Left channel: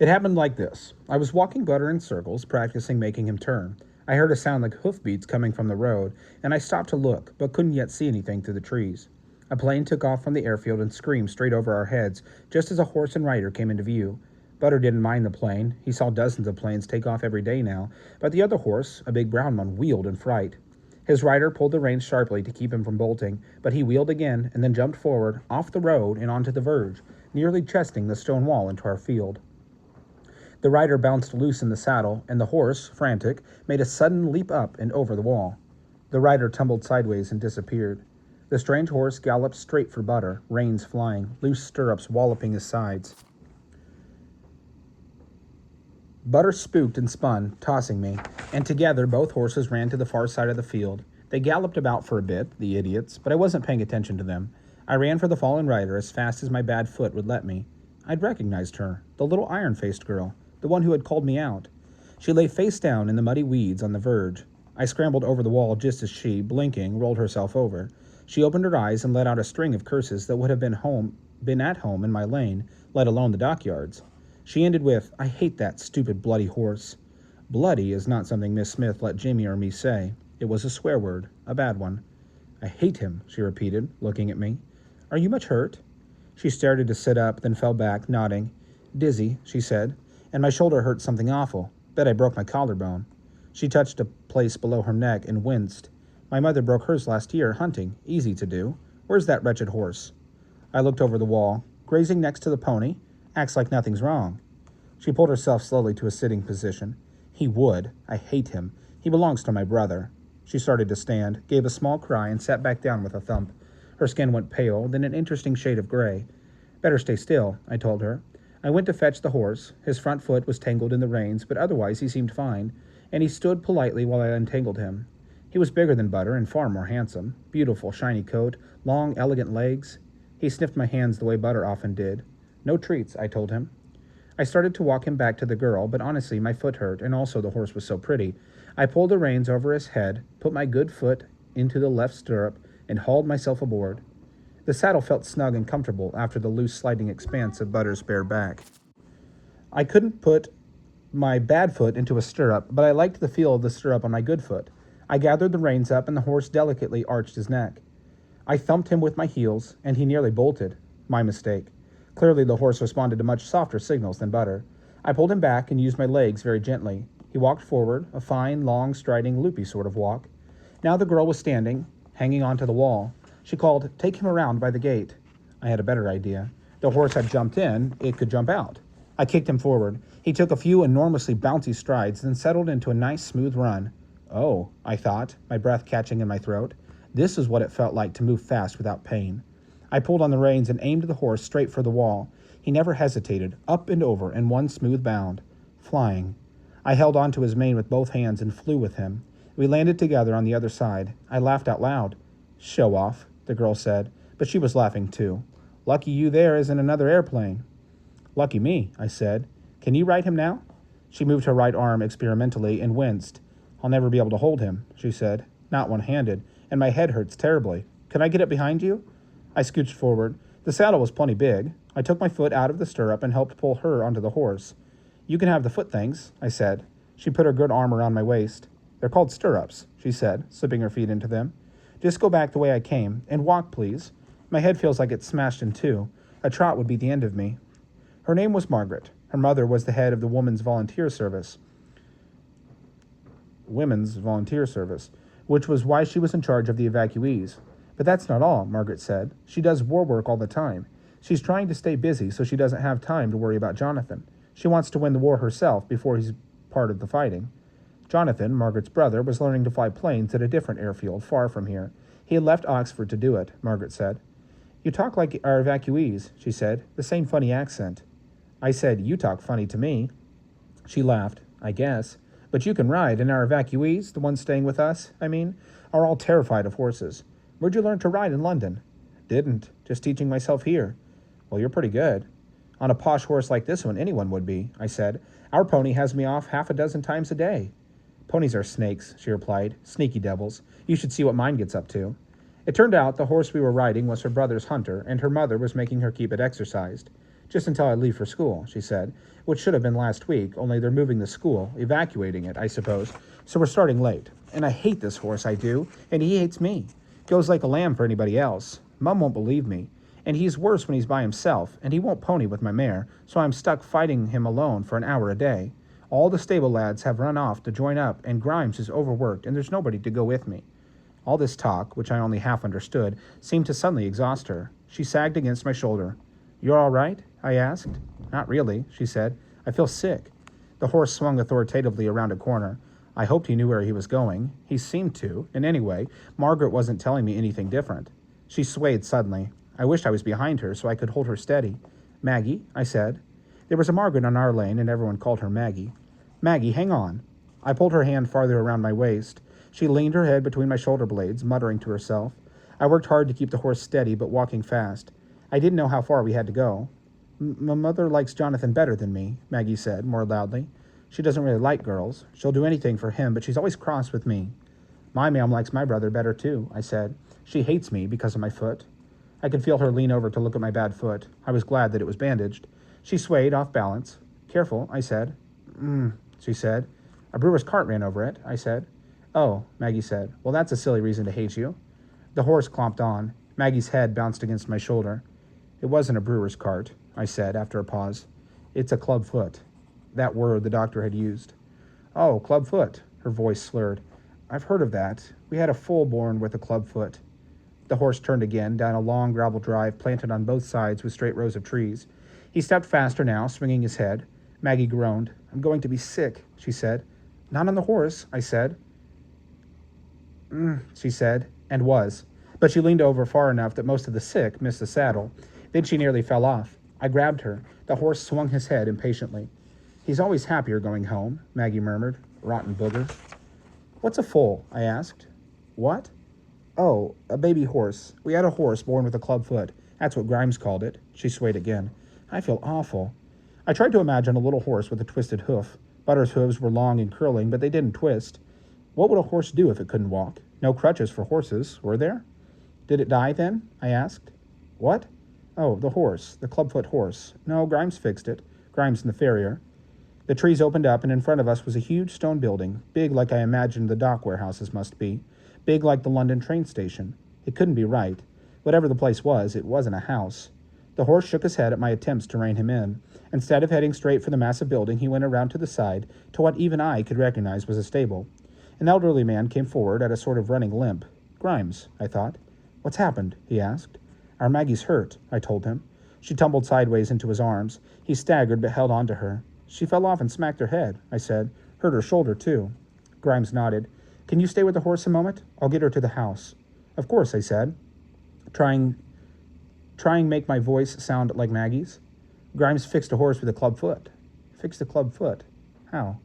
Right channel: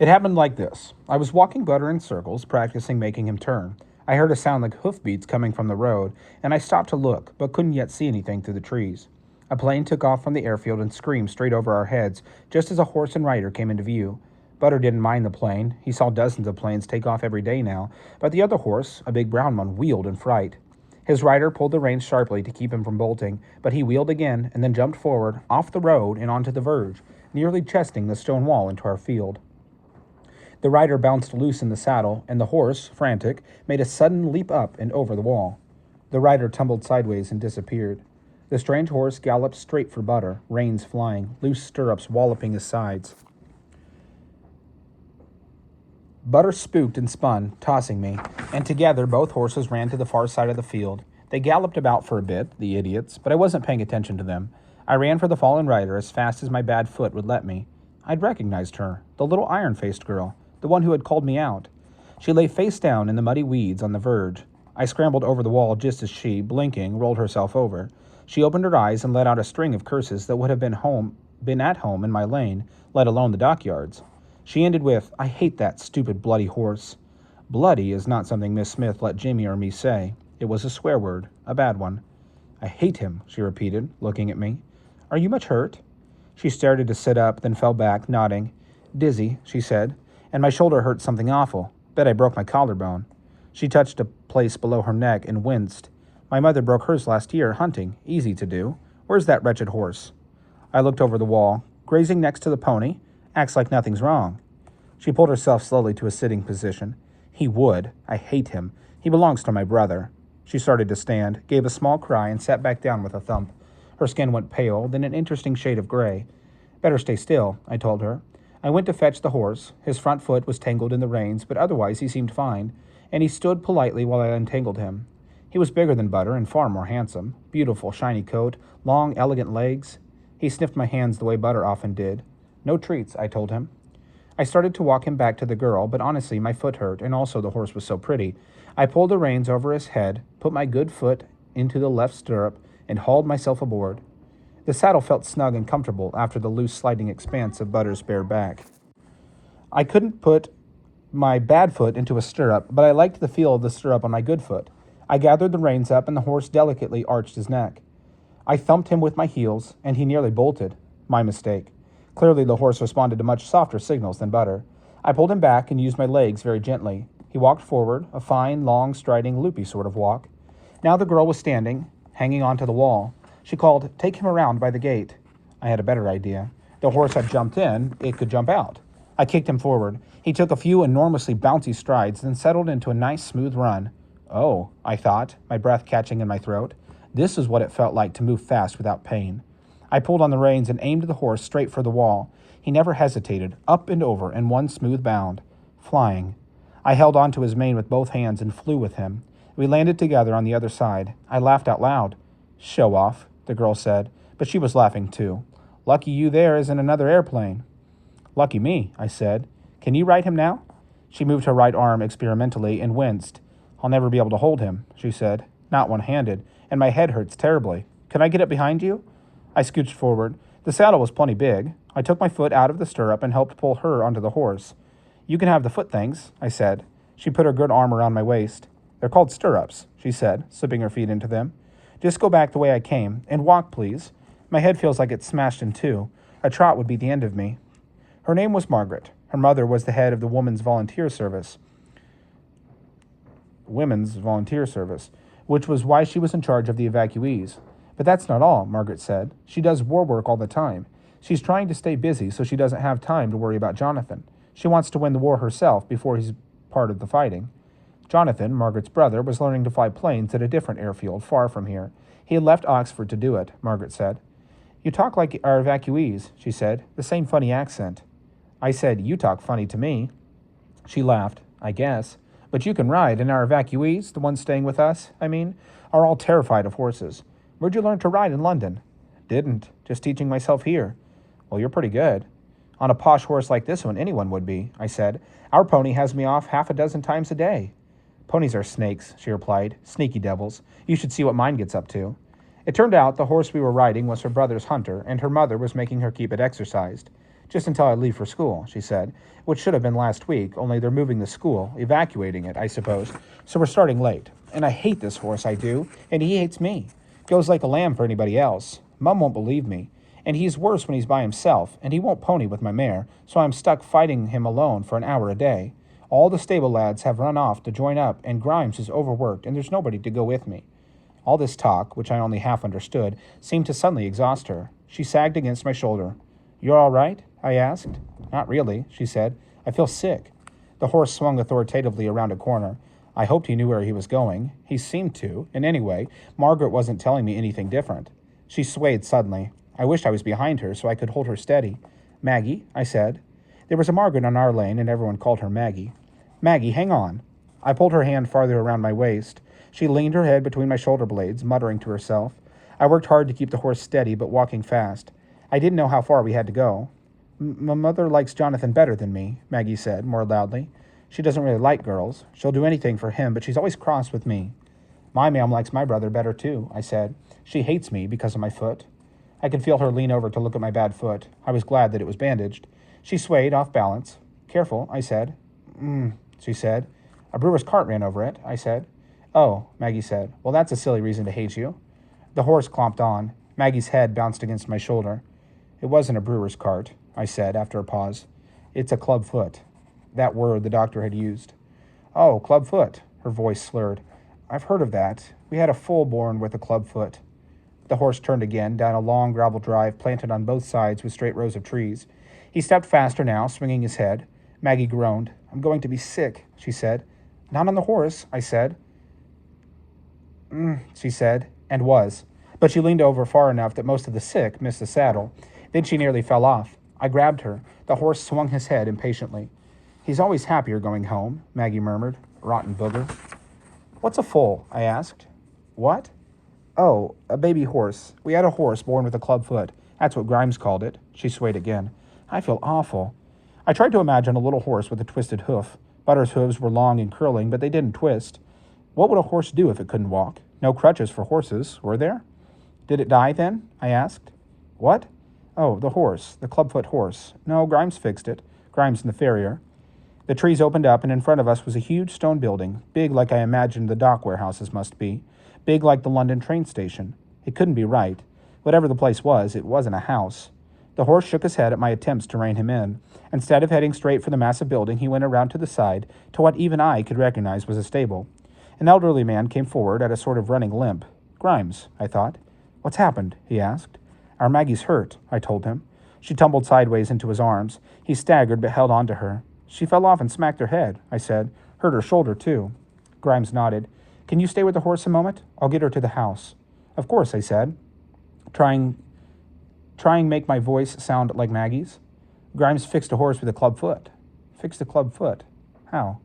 It happened like this. I was walking Butter in circles, practicing making him turn. I heard a sound like hoofbeats coming from the road, and I stopped to look, but couldn't yet see anything through the trees. A plane took off from the airfield and screamed straight over our heads, just as a horse and rider came into view. Butter didn't mind the plane. He saw dozens of planes take off every day now, but the other horse, a big brown one, wheeled in fright. His rider pulled the reins sharply to keep him from bolting, but he wheeled again and then jumped forward, off the road and onto the verge, nearly chesting the stone wall into our field. The rider bounced loose in the saddle, and the horse, frantic, made a sudden leap up and over the wall. The rider tumbled sideways and disappeared. The strange horse galloped straight for Butter, reins flying, loose stirrups walloping his sides. Butter spooked and spun, tossing me, and together both horses ran to the far side of the field. They galloped about for a bit, the idiots, but I wasn't paying attention to them. I ran for the fallen rider as fast as my bad foot would let me. I'd recognized her, the little iron-faced girl, the one who had called me out. She lay face down in the muddy weeds on the verge. I scrambled over the wall just as she, blinking, rolled herself over. She opened her eyes and let out a string of curses that would have been at home in my lane, let alone the dockyards. She ended with, "I hate that stupid bloody horse." Bloody is not something Miss Smith let Jimmy or me say. It was a swear word, a bad one. "I hate him," she repeated, looking at me. "Are you much hurt?" She started to sit up, then fell back, nodding. "Dizzy," she said, "and my shoulder hurts something awful. Bet I broke my collarbone." She touched a place below her neck and winced. "My mother broke hers last year, hunting. Easy to do. Where's that wretched horse?" I looked over the wall. "Grazing next to the pony. Acts like nothing's wrong." She pulled herself slowly to a sitting position. "He would. I hate him. He belongs to my brother." She started to stand, gave a small cry, and sat back down with a thump. Her skin went pale, then an interesting shade of gray. "Better stay still," I told her. I went to fetch the horse. His front foot was tangled in the reins, but otherwise he seemed fine, and he stood politely while I untangled him. He was bigger than Butter and far more handsome. Beautiful, shiny coat, long, elegant legs. He sniffed my hands the way Butter often did. "No treats," I told him. I started to walk him back to the girl, but honestly my foot hurt, and also the horse was so pretty. I pulled the reins over his head, put my good foot into the left stirrup, and hauled myself aboard. The saddle felt snug and comfortable after the loose sliding expanse of Butter's bare back. I couldn't put my bad foot into a stirrup, but I liked the feel of the stirrup on my good foot. I gathered the reins up, and the horse delicately arched his neck. I thumped him with my heels, and he nearly bolted. My mistake. Clearly the horse responded to much softer signals than Butter. I pulled him back and used my legs very gently. He walked forward, a fine, long, striding, loopy sort of walk. Now the girl was standing, hanging onto the wall. She called, "Take him around by the gate." I had a better idea. The horse had jumped in, it could jump out. I kicked him forward. He took a few enormously bouncy strides, then settled into a nice, smooth run. Oh, I thought, my breath catching in my throat. This is what it felt like to move fast without pain. I pulled on the reins and aimed the horse straight for the wall. He never hesitated, up and over in one smooth bound. Flying. I held onto his mane with both hands and flew with him. We landed together on the other side. I laughed out loud. "Show off," the girl said, but she was laughing too. "Lucky you there isn't another airplane." "Lucky me," I said. "Can you ride him now?" She moved her right arm experimentally and winced. "I'll never be able to hold him," she said. "Not one-handed, and my head hurts terribly. Can I get up behind you?" I scooched forward. The saddle was plenty big. I took my foot out of the stirrup and helped pull her onto the horse. "You can have the foot things," I said. She put her good arm around my waist. "They're called stirrups," she said, slipping her feet into them. "Just go back the way I came, and walk, please. My head feels like it's smashed in two. A trot would be the end of me." Her name was Margaret. Her mother was the head of the Women's Volunteer Service, which was why she was in charge of the evacuees. "But that's not all," Margaret said. "She does war work all the time. She's trying to stay busy so she doesn't have time to worry about Jonathan. She wants to win the war herself before he's part of the fighting." Jonathan, Margaret's brother, was learning to fly planes at a different airfield far from here. He had left Oxford to do it, Margaret said. "You talk like our evacuees," she said, the same funny accent. I said, "You talk funny to me." She laughed. "I guess. But you can ride, and our evacuees, the ones staying with us, I mean, are all terrified of horses. Where'd you learn to ride in London?" "Didn't. Just teaching myself here." "Well, you're pretty good." "On a posh horse like this one, anyone would be," I said. "Our pony has me off half a dozen times a day." "Ponies are snakes," she replied. "Sneaky devils. You should see what mine gets up to." It turned out the horse we were riding was her brother's Hunter, and her mother was making her keep it exercised. Just until I leave for school, she said, which should have been last week, only they're moving the school, evacuating it, I suppose. So we're starting late. And I hate this horse, I do, and he hates me. Goes like a lamb for anybody else. Mum won't believe me. And he's worse when he's by himself, and he won't pony with my mare, so I'm stuck fighting him alone for an hour a day. All the stable lads have run off to join up, and Grimes is overworked, and there's nobody to go with me. All this talk, which I only half understood, seemed to suddenly exhaust her. She sagged against my shoulder. "You're all right?" I asked. "Not really," she said. "I feel sick." The horse swung authoritatively around a corner. I hoped he knew where he was going. He seemed to, and anyway, Margaret wasn't telling me anything different. She swayed suddenly. I wished I was behind her so I could hold her steady. "Maggie," I said. There was a Margaret on our lane, and everyone called her Maggie. "Maggie, hang on." I pulled her hand farther around my waist. She leaned her head between my shoulder blades, muttering to herself. I worked hard to keep the horse steady, but walking fast. I didn't know how far we had to go. "My mother likes Jonathan better than me," Maggie said, more loudly. "She doesn't really like girls. She'll do anything for him, but she's always cross with me." "My ma'am likes my brother better, too," I said. "She hates me because of my foot." I could feel her lean over to look at my bad foot. I was glad that it was bandaged. She swayed, off balance. "Careful," I said. She said. "A brewer's cart ran over it," I said. "Oh," Maggie said. "Well, that's a silly reason to hate you." The horse clomped on. Maggie's head bounced against my shoulder. "It wasn't a brewer's cart," I said after a pause. "It's a clubfoot." That word the doctor had used. "Oh, clubfoot," her voice slurred. "I've heard of that. We had a foal born with a clubfoot." The horse turned again, down a long gravel drive planted on both sides with straight rows of trees. He stepped faster now, swinging his head. Maggie groaned. "I'm going to be sick," she said. "Not on the horse," I said. She said, and was. But she leaned over far enough that most of the sick missed the saddle. Then she nearly fell off. I grabbed her. The horse swung his head impatiently. "He's always happier going home," Maggie murmured. "Rotten booger." "What's a foal?" I asked. "What?" "Oh, a baby horse. We had a horse born with a clubfoot. That's what Grimes called it." She swayed again. "I feel awful." I tried to imagine a little horse with a twisted hoof. Butter's hooves were long and curling, but they didn't twist. What would a horse do if it couldn't walk? No crutches for horses, were there? "Did it die, then?" I asked. "What?" "Oh, the horse, the clubfoot horse. No, Grimes fixed it. Grimes and the farrier." The trees opened up, and in front of us was a huge stone building, big like I imagined the dock warehouses must be, big like the London train station. It couldn't be right. Whatever the place was, it wasn't a house. The horse shook his head at my attempts to rein him in. Instead of heading straight for the massive building, he went around to the side to what even I could recognize was a stable. An elderly man came forward at a sort of running limp. "Grimes," I thought. "What's happened?" he asked. "Our Maggie's hurt," I told him. She tumbled sideways into his arms. He staggered but held on to her. "She fell off and smacked her head," I said. "Hurt her shoulder, too." Grimes nodded. "Can you stay with the horse a moment? I'll get her to the house." "Of course," I said, trying make my voice sound like Maggie's. Grimes fixed a horse with a clubfoot. Fixed a clubfoot? How?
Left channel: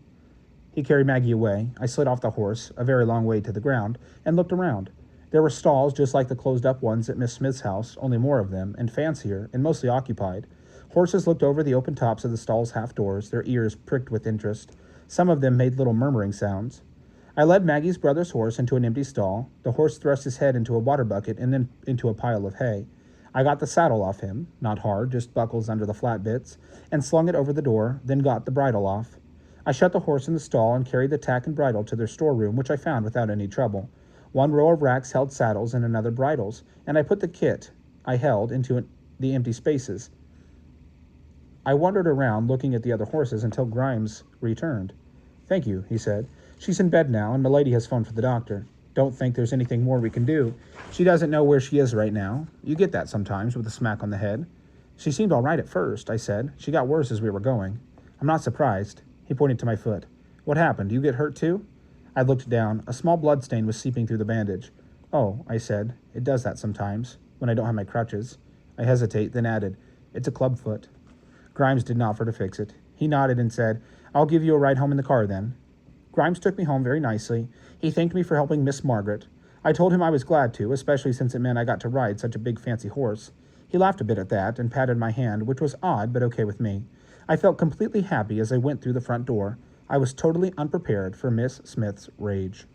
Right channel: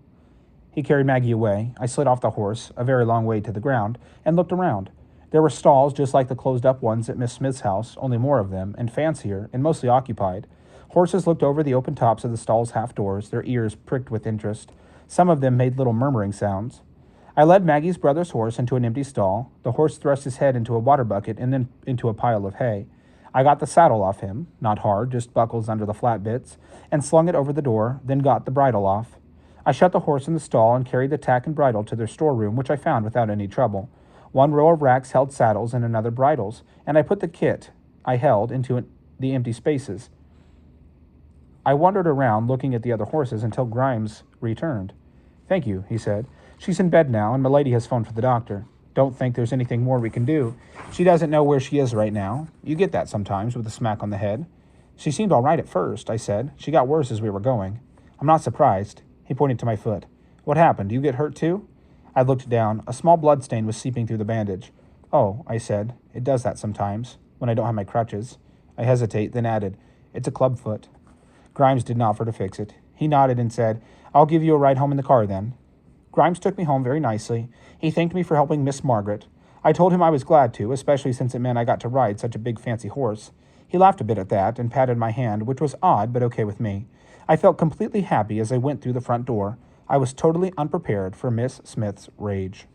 He carried Maggie away. I slid off the horse, a very long way to the ground, and looked around. There were stalls just like the closed-up ones at Miss Smith's house, only more of them, and fancier, and mostly occupied. Horses looked over the open tops of the stalls' half-doors, their ears pricked with interest. Some of them made little murmuring sounds. I led Maggie's brother's horse into an empty stall. The horse thrust his head into a water bucket and then into a pile of hay. I got the saddle off him, not hard, just buckles under the flat bits, and slung it over the door, then got the bridle off. I shut the horse in the stall and carried the tack and bridle to their storeroom, which I found without any trouble. One row of racks held saddles and another bridles, and I put the kit I held into the empty spaces. I wandered around looking at the other horses until Grimes returned. "Thank you," he said. "She's in bed now, and Milady has phoned for the doctor. Don't think there's anything more we can do. She doesn't know where she is right now. You get that sometimes with a smack on the head." "She seemed all right at first," I said. "She got worse as we were going." "I'm not surprised." He pointed to my foot. "What happened? Do you get hurt too?" I looked down. A small blood stain was seeping through the bandage. "Oh," I said. "It does that sometimes, when I don't have my crutches." I hesitate, then added, "It's a clubfoot." Grimes didn't offer to fix it. He nodded and said, "I'll give you a ride home in the car then." Grimes took me home very nicely. He thanked me for helping Miss Margaret. I told him I was glad to, especially since it meant I got to ride such a big fancy horse. He laughed a bit at that and patted my hand, which was odd but okay with me. I felt completely happy as I went through the front door. I was totally unprepared for Miss Smith's rage.